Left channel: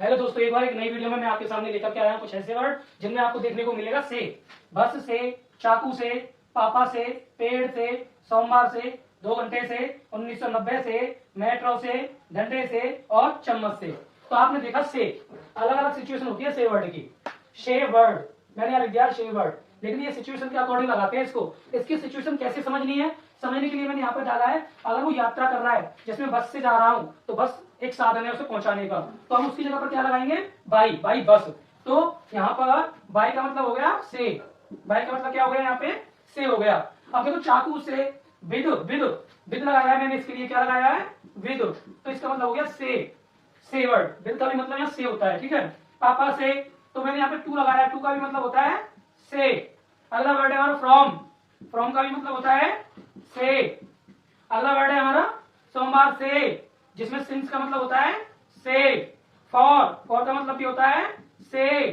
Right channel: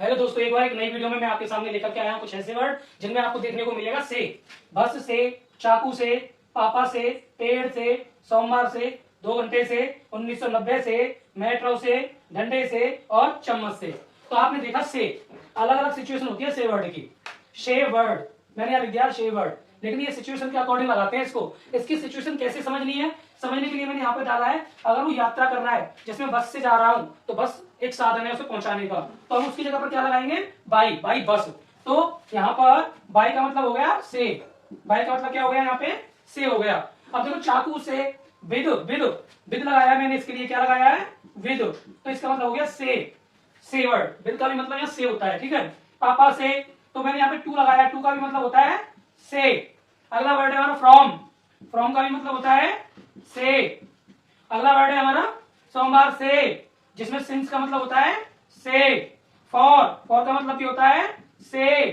Hello दोस्तों, एक बार एक नई वीडियो में मैं आपके सामने लेकर के आया हूं कुछ ऐसे वर्ड जिनमें आपको देखने को मिलेगा से, बस से, चाकू से, पापा से, पेड़ से, सोमवार से, 2 घंटे से, 1990 से, मेट्रो से, डंडे से और चम्मच से। तो आपने देखा से, अलग अलग सिचुएशन होती है से वर्ड की। शे वर्ड मैंने यहाँ लिख दिया शे वर्ड, लेकिन ये सिचुएशन के अकॉर्डिंग लगाते हैं इसको। इसकी सिचुएशन कैसे समझनी है, समझने के लिए मैंने यहाँ पे डाला है, अगर वो यात्रा कर रहा है जिसमें बस से जा रहा हूं तो बस एक साधन है उसे पहुंचाने का, तो हम उसकी जगह पर क्या लगाएंगे, बाई, बाई बस। तो यहाँ पर बाई का मतलब हो गया से, बाई का मतलब क्या हो गया, यहाँ पे से हो गया। अब देखो चाकू से, विद, विद, विद लगाया है मैंने, इसके लिए क्या लगाया है, विद, तो इसका मतलब हो गया से वर्ड। विद का भी मतलब यहाँ से होता है, ठीक है। पापा से, तो मैंने यहाँ पे टू लगाया, टू का भी मतलब होता है से। अगला वर्ड है हमारा फ्रॉम, फ्रॉम का भी मतलब होता है से। अगला वर्ड है हमारा सोमवार से, जिसमें सिंस का मतलब होता है से। फॉर का मतलब भी होता है से,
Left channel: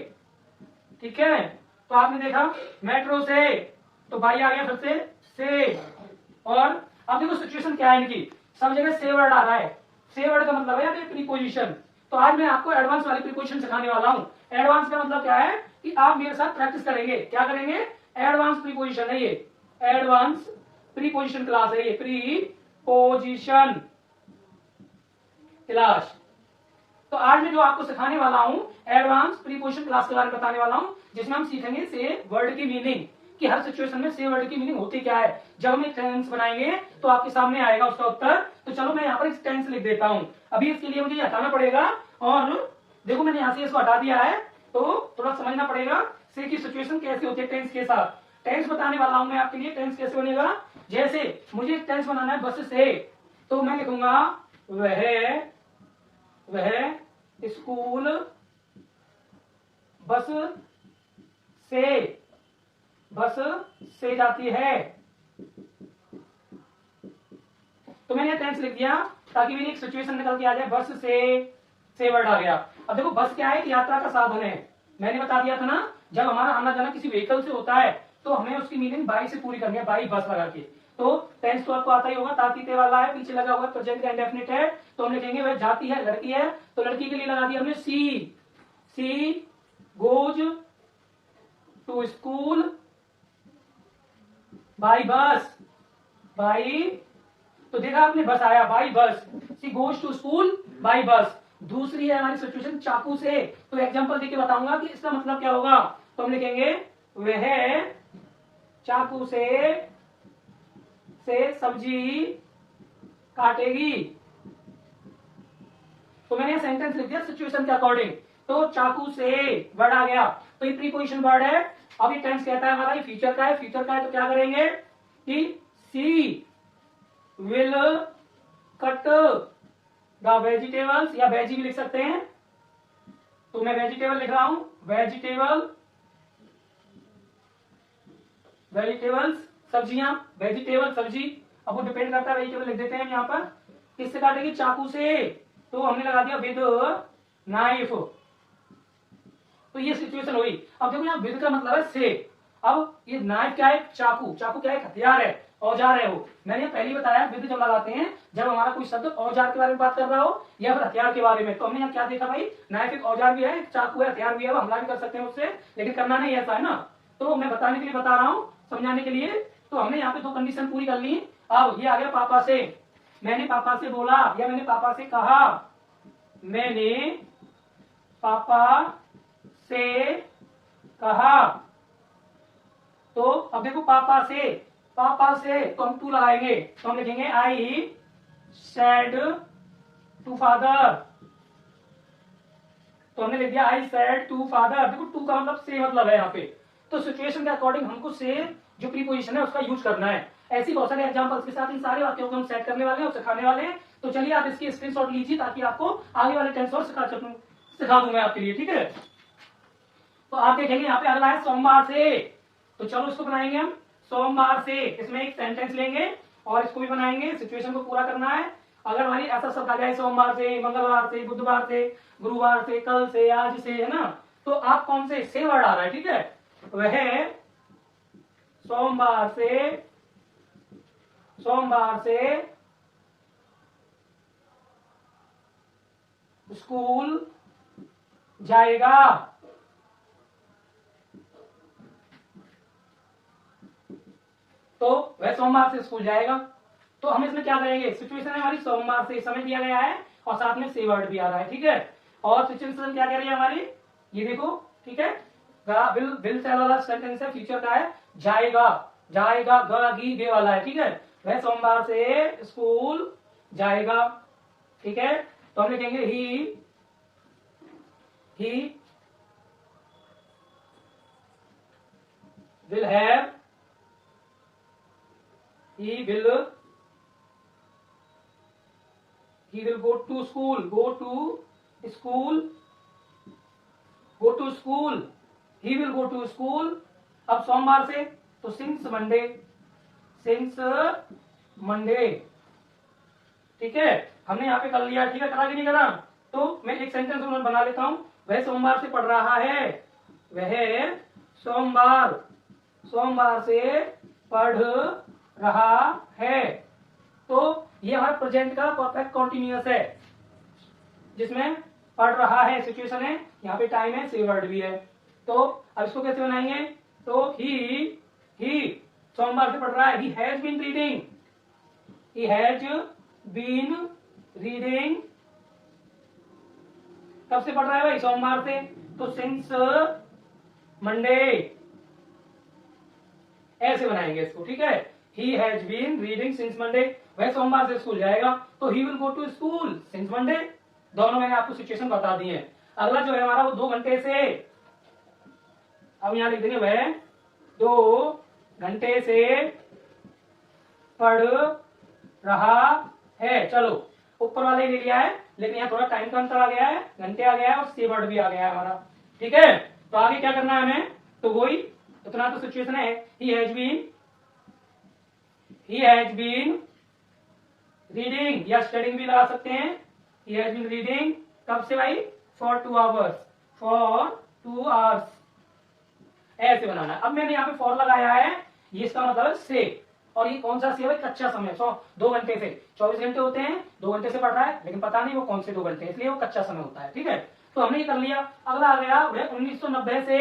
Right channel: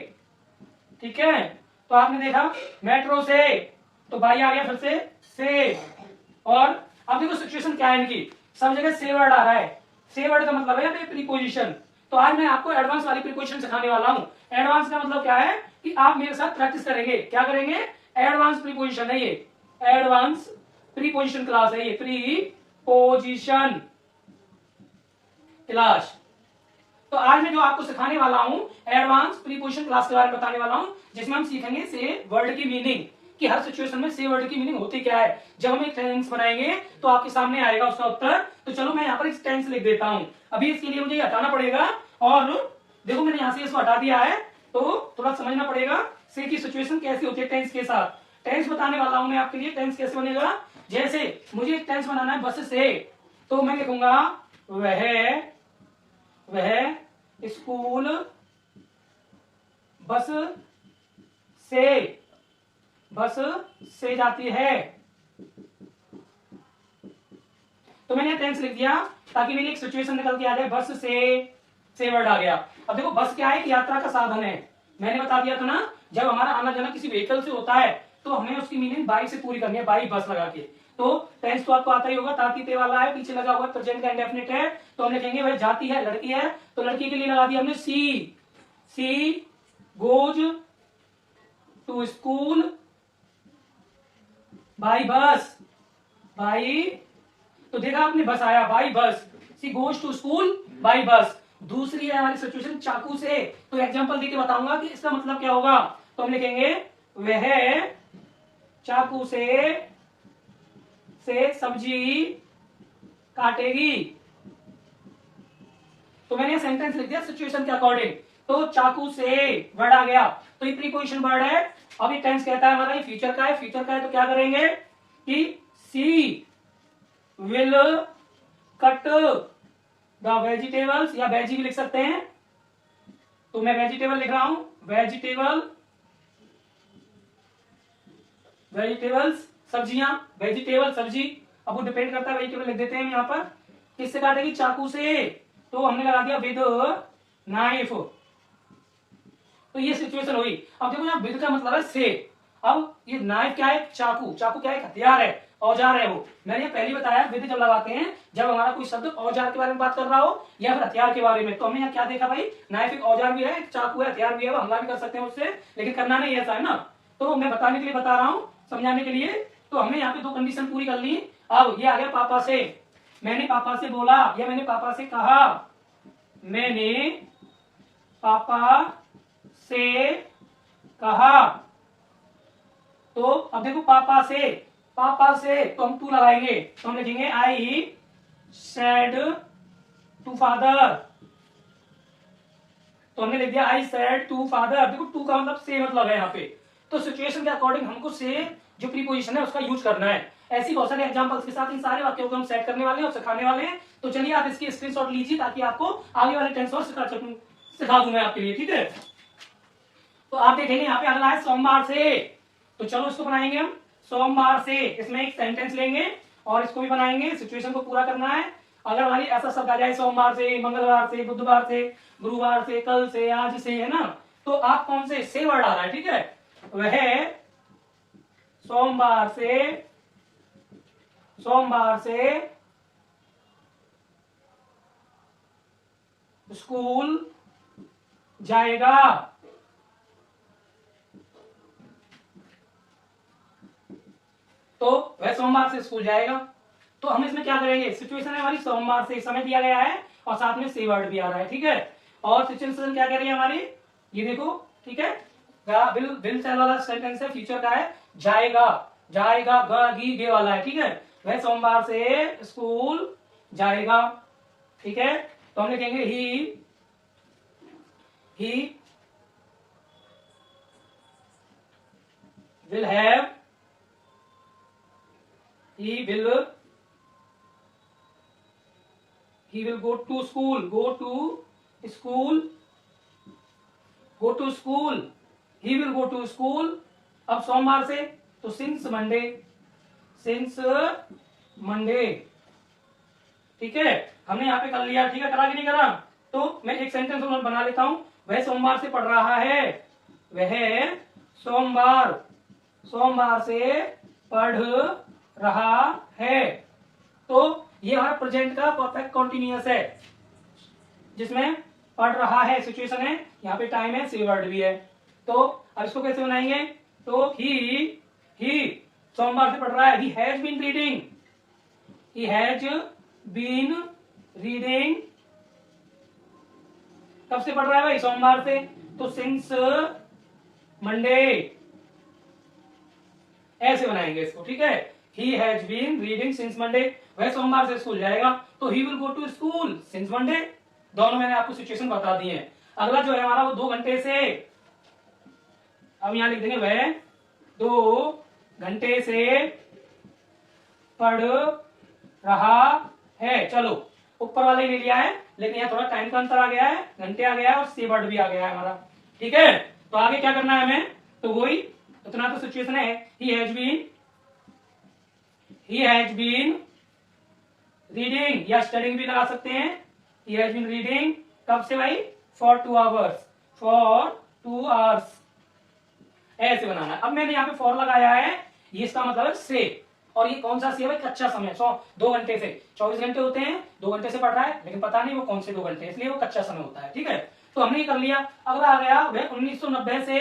ठीक है। तो आपने देखा मेट्रो से, तो भाई आ गया फिर से। और अब देखो सिचुएशन क्या है इनकी, सब जगह से वर्ड आ रहा है। से वर्ड का मतलब है यहाँ पे प्रीपोजिशन। तो आज मैं आपको एडवांस वाली प्रीपोजिशन सिखाने वाला हूं। एडवांस का मतलब क्या है कि आप मेरे साथ प्रैक्टिस करेंगे। क्या करेंगे, एडवांस प्रीपोजिशन है ये, एडवांस प्रीपोजिशन क्लास है ये, प्रीपोजिशन क्लास। तो आज मैं जो आपको सिखाने वाला हूं एडवांस प्रीपोजिशन क्लास के बारे में बताने वाला हूं, जिसमें हम सीखेंगे से वर्ड की मीनिंग, कि हर सिचुएशन में से वर्ड की मीनिंग होती क्या है। जब हम एक टेंस बनाएंगे तो आपके सामने आएगा उसका उत्तर। तो चलो मैं यहाँ पर एक टेंस लिख देता हूं। अभी इसके लिए मुझे हटाना पड़ेगा, और देखो मैंने यहाँ से इसको हटा दिया है, तो थोड़ा समझना पड़ेगा से की सिचुएशन कैसी होती है टेंस के साथ। टेंस बताने वाला हूं मैं आपके लिए, टेंस कैसे बनेगा। जैसे मुझे एक टेंस बनाना है बस से, तो मैं लिखूंगा वह स्कूल बस से जाती है। तो मैंने टेंस लिख दिया ताकि मेरी एक सिचुएशन निकल के आ जाए, बस से वर्ड आ गया। अब देखो बस क्या है, एक यात्रा का साधन है। मैंने बता दिया था ना, जब हमारा आना जाना किसी व्हीकल से होता है तो हमें उसकी मीनिंग बाई से पूरी करनी है, बाई बस लगा के। तो टेंस तो आपको आता ही होगा, तातीते वाला है, पीछे लगा हुआ है, प्रेजेंट का इंडेफिनिट है। तो हम लिखेंगे वह जाती है, लड़की है, तो लड़की के लिए लगा दिया हमने she goes to school by bus, by, तो देखा आपने बस आया, by bus, she goes to school by bus. दूसरी है हमारी सिचुएशन चाकू से, तो एग्जांपल देके बताऊंगा कि इसका मतलब क्या होगा। तो हम लिखेंगे वह चाकू से सब्जी काटेगी। तो मैंने सेंटेंस लिख दिया सिचुएशन के अकॉर्डिंग। तो चाकू से वर्ड आ गया, तो ये प्रीपोजिशन वर्ड है। अब ये टेंस कहता है हमारा ये फ्यूचर का है, फ्यूचर का है तो क्या करेंगे कि सी विल कट द वेजिटेबल्स, या वेजी भी लिख सकते हैं। तो मैं वेजिटेबल लिख रहा हूं, वेजिटेबल्स सब्जियां, वेजिटेबल सब्जी। अब वो डिपेंड करता है, वेजिटेबल लिख देते हैं यहाँ पर। किससे काटेगी, चाकू से, तो हमने लगा दिया विद नाइफ। तो ये सिचुएशन हुई। अब देखो यहाँ विद का मतलब है से। अब ये नाइफ क्या है, चाकू, चाकू क्या है, हथियार है, औजार है वो। मैंने पहले बताया विद जब लगाते हैं जब हमारा कोई शब्द औजार के बारे में बात कर रहा हो या फिर हथियार के बारे में। तो हमने यहाँ क्या देखा भाई, नाइफ एक औजार भी है, चाकू है, हथियार भी है, वो हमला भी कर सकते हैं उससे, लेकिन करना नहीं ऐसा है ना। तो मैं बताने के लिए बता रहा हूँ, समझाने के लिए। तो हमने यहाँ पे 2 कंडीशन पूरी कर ली। अब ये आ गया पापा से, मैंने पापा से बोला या मैंने पापा से कहा, मैंने पापा से कहा। तो अब देखो पापा से तो हम टू लगाएंगे, तो हम लिखेंगे आई सेड टू फादर। तो हमने लिख दिया आई सेड टू फादर। देखो टू का मतलब से मतलब है यहाँ पे। तो सिचुएशन के अकॉर्डिंग हमको से जो प्रीपोजिशन है उसका यूज करना है। ऐसी बहुत सारे एग्जांपल्स के साथ इन सारे वाक्यों को हम सेट करने वाले हैं और सिखाने वाले हैं। तो चलिए आप इसकी स्क्रीनशॉट लीजिए ताकि आपको आगे वाले टेंस और सिखा दूं मैं आपके लिए, ठीक है। तो आप देखेंगे यहाँ पे अगला है सोमवार से, तो चलो इसको बनाएंगे हम सोमवार से। इसमें एक सेंटेंस लेंगे और इसको भी बनाएंगे, सिचुएशन को पूरा करना है। अगर हमारी ऐसा शब्द आ जाए सोमवार से, मंगलवार से, बुधवार से, गुरुवार से, कल से, आज से, है ना, तो आप कौन से वर्ड आ रहा है, ठीक है। वह सोमवार से स्कूल जाएगा। तो वह सोमवार से स्कूल जाएगा। तो हम इसमें क्या करेंगे, सिचुएशन है हमारी सोमवार से, समय दिया गया है और साथ में से वर्ड भी आ रहा है, ठीक है। और सिचुएशन क्या कह रही है हमारी, ये देखो, ठीक है। विल से वाला सेंटेंस है, फ्यूचर का है, जाएगा, जाएगा गे वाला है, ठीक है। वह सोमवार से स्कूल जाएगा, ठीक है। तो हम लिखेंगे ही will have, he will go to school, he will go to school। अब सोमवार से तो सिंस मंडे, ठीक है। हमने यहाँ पे कर लिया, ठीक है, करा कि नहीं करा। तो मैं एक सेंटेंस बना लेता हूं, वह सोमवार से पढ़ रहा है, वह सोमवार से पढ़ रहा है। तो ये हमारा प्रेजेंट का परफेक्ट कॉन्टिन्यूअस है, जिसमें पढ़ रहा है सिचुएशन है, यहाँ पे टाइम है, सी वर्ड भी है। तो अब इसको कैसे बनाएंगे, तो ही सोमवार से पढ़ रहा है, ही हैज बीन रीडिंग, कब से पढ़ रहा है भाई, सोमवार से, तो सिंस मंडे, ऐसे बनाएंगे इसको, ठीक है। He has been reading since Monday, वह सोमवार से स्कूल जाएगा, तो he will go to school since Monday. दोनों मैंने आपको सिचुएशन बता दी है। अगला जो है हमारा वो 2 घंटे से, अब यहां लिख देंगे वह 2 घंटे से पढ़ रहा है। चलो ऊपर वाले ही ले लिया है, लेकिन यहाँ थोड़ा टाइम का अंतर आ गया है, घंटे आ गया है और सी वर्ड भी आ गया है हमारा, ठीक है। तो आगे क्या करना है हमें, तो वही उतना तो सिचुएशन है, ही हैज बीन रीडिंग, या स्टडिंग भी लगा सकते हैं, ही हैज बीन रीडिंग, कब से भाई, फॉर 2 आवर्स, ऐसे बनाना है। अब मैंने यहाँ पे फॉर लगाया है, ये इसका मतलब है से, और ये कौन सा से है, कच्चा समय, 2 घंटे से, 24 घंटे होते हैं, 2 घंटे से पढ़ रहा है, लेकिन पता नहीं वो कौन से 2 घंटे, इसलिए वो कच्चा समय होता है, ठीक है। तो हमने ये कर लिया। अगला आ गया, वह 1990 से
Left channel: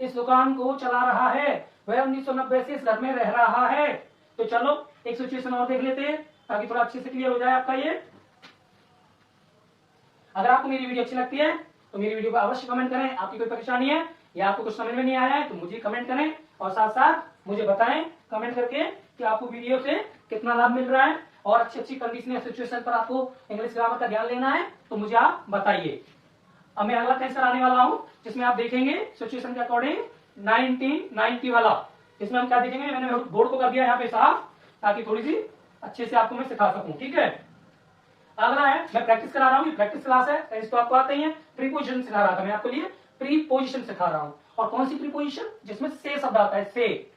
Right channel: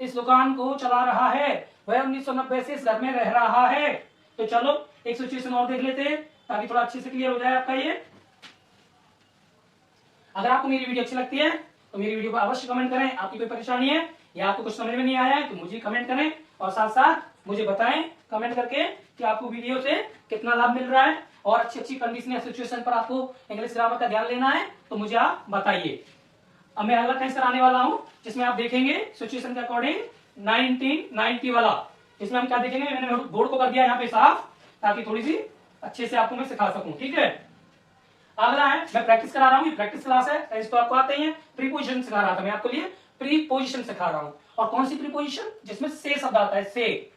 इस दुकान को चला रहा है, वह 1990 से इस घर में रह रहा है। तो चलो एक सिचुएशन और देख लेते हैं, ताकि थोड़ा अच्छे से क्लियर हो जाए आपका ये। अगर आपको मेरी वीडियो अच्छी लगती है तो मेरी वीडियो को अवश्य कमेंट करें। आपकी कोई परेशानी है या आपको कुछ समझ में नहीं आया है तो मुझे कमेंट करें, और साथ साथ मुझे बताएं कमेंट करके कि आपको वीडियो से कितना लाभ मिल रहा है, और अच्छी अच्छी कंडीशन या सिचुएशन पर आपको इंग्लिश ग्रामर का ध्यान लेना है तो मुझे आप बताइए। अब मैं अगला टेस्ट कराने वाला हूं, जिसमें आप देखेंगे सिचुएशन के अकॉर्डिंग 1990 वाला, इसमें हम क्या देखेंगे, मैंने बोर्ड को कर दिया यहाँ पे साफ, ताकि थोड़ी सी अच्छे से आपको मैं सिखा सकूं, ठीक है। अगला है, मैं प्रैक्टिस करा रहा हूँ, प्रैक्टिस क्लास है, तो आपको आते ही है। प्रीपोजिशन सिखा रहा था मैं आपको लिए, प्रीपोजिशन सिखा रहा हूँ, और कौन सी प्रीपोजिशन, जिसमें से शब्द आता है, से।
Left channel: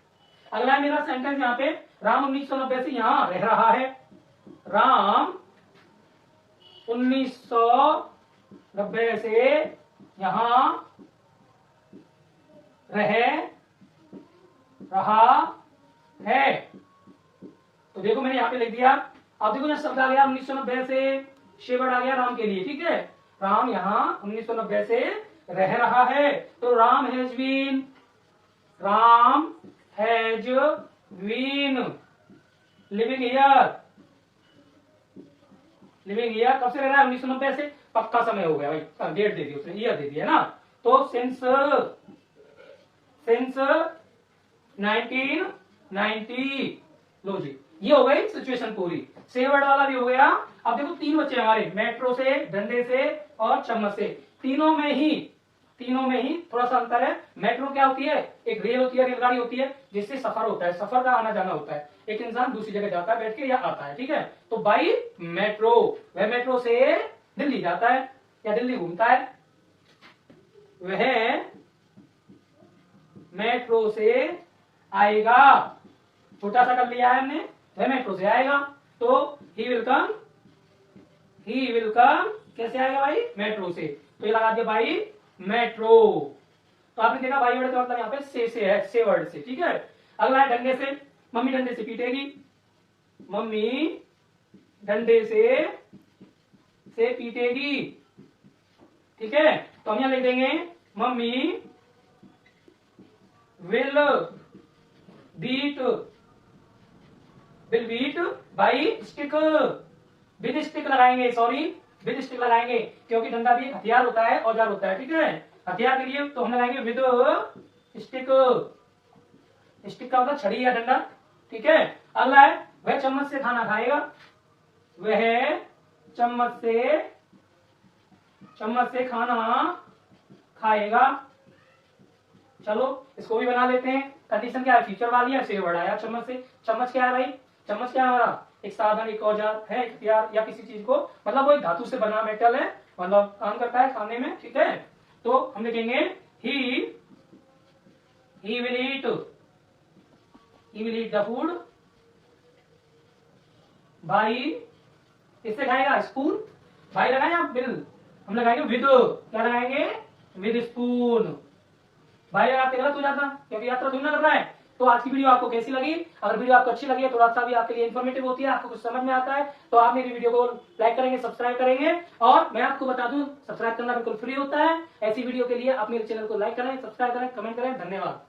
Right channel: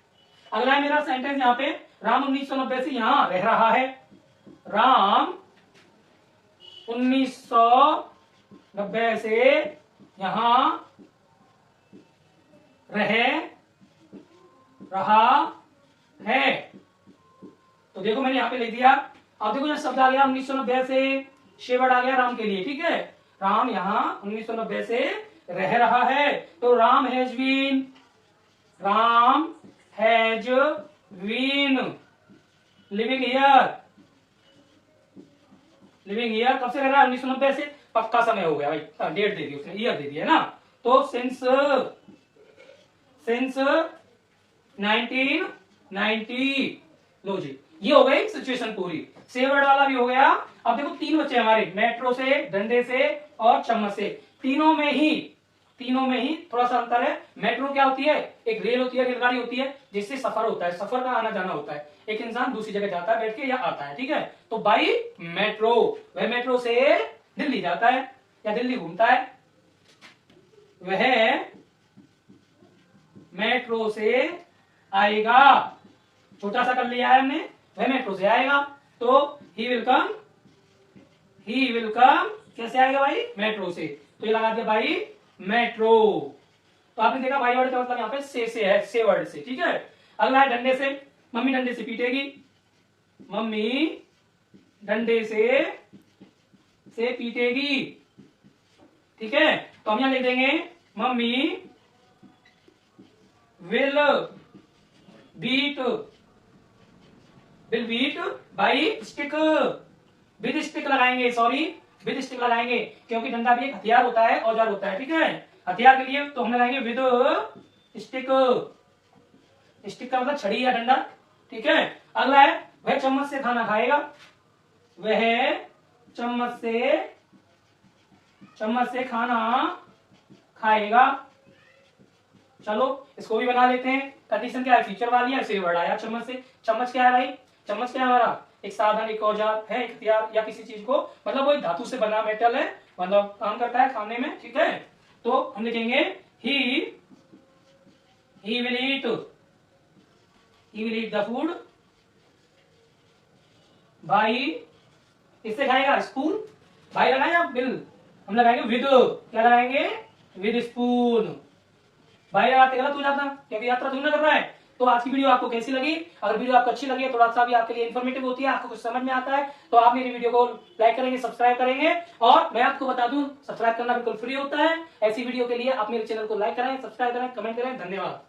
अगला है मेरा सेंटेंस यहाँ पे, राम 1990 से यहाँ रह रहा है, राम 1990 से यहाँ रह रहा है। तो देखो मैंने यहाँ पे लिख दिया। अब देखो यहाँ शब्द आ गया 1990 से वर्ड आ गया राम के लिए, ठीक है। राम यहाँ 1990 से रह रहा है, तो Ram has been living here, कब से रह रहा है, 1990 से, पक्का समय हो गया भाई, डेट दे दी उसने, ईयर दे दिया ना। तो सिंस 1990, लो जी, ये हो गई सिचुएशन पूरी। से वर्ड वाला भी हो गया। अब देखो 3 बच्चे हमारे, मेट्रो से, डंडे से और चम्मच से। तीनों में ही थोड़ा सा अंतर है। मेट्रो क्या होती है, एक रेल होती है, रेलगाड़ी होती है, जिससे सफर होता है, सफर का आना जाना होता है, एक इंसान दूसरी जगह जाता है बैठ के या आता है, ठीक है। तो बाई मेट्रो, वह मेट्रो से दिल्ली जाता है या दिल्ली घूमता है, वह मेट्रो से आएगा, छोटा सा कर लिया है हमने, वह मेट्रो से आएगा। तो ही विल कम कैसे आएगा भाई, मेट्रो से। तो ये लगा दिया भाई मेट्रो। तो आपने देखा भाई वर्ड का मतलब यहाँ पे से है, से वर्ड से, ठीक है। अगला है डंडे से, मम्मी डंडे से पीटेगी, मम्मी डंडे से पीटेगी, ठीक है, तो हम यहाँ लिख देंगे mummy will beat by stick, with stick लगाएंगे, सॉरी विद स्टिक लगाएंगे, क्योंकि डंडा भी एक हथियार होता है, औजार होता है, ठीक है। हथियार के लिए तो हम लगाएंगे विद स्टिक, स्टिक का मतलब छड़ी या डंडा, ठीक है। अगला है वह चम्मच से खाना खाएगा, वह चम्मच से खाना खाएगा। चलो इसको भी बना लेते हैं। कंडीशन क्या है, फीचर वाली है, फिर वर्ड आया चम्मच से। चम्मच क्या है भाई, चम्मच क्या है हमारा, एक साधन, एक औजार है, एक हथियार या किसी चीज को, मतलब वो एक धातु से बना मेटल है, मतलब काम करता है खाने में, ठीक है। तो हम लिखेंगे he will eat the food by, किससे खाएगा, स्पून, भाई लगाए आप बिल, हम लगाएंगे विद, क्या लगाएंगे, विद स्पून। भाई लगाते गलत हो जाता, क्योंकि यात्रा तुमने कर रहा है। तो आज की वीडियो आपको कैसी लगी, अगर वीडियो आपको अच्छी लगी है, थोड़ा सा भी आपके लिए इन्फॉर्मेटिव होती है, आपको कुछ समझ में आता है, तो आप मेरी वीडियो को लाइक करेंगे, सब्सक्राइब करेंगे। और मैं आपको बता दूं, सब्सक्राइब करना बिल्कुल फ्री होता है। ऐसी वीडियो के लिए आप मेरे चैनल को लाइक करें, सब्सक्राइब करें, कमेंट करें। धन्यवाद।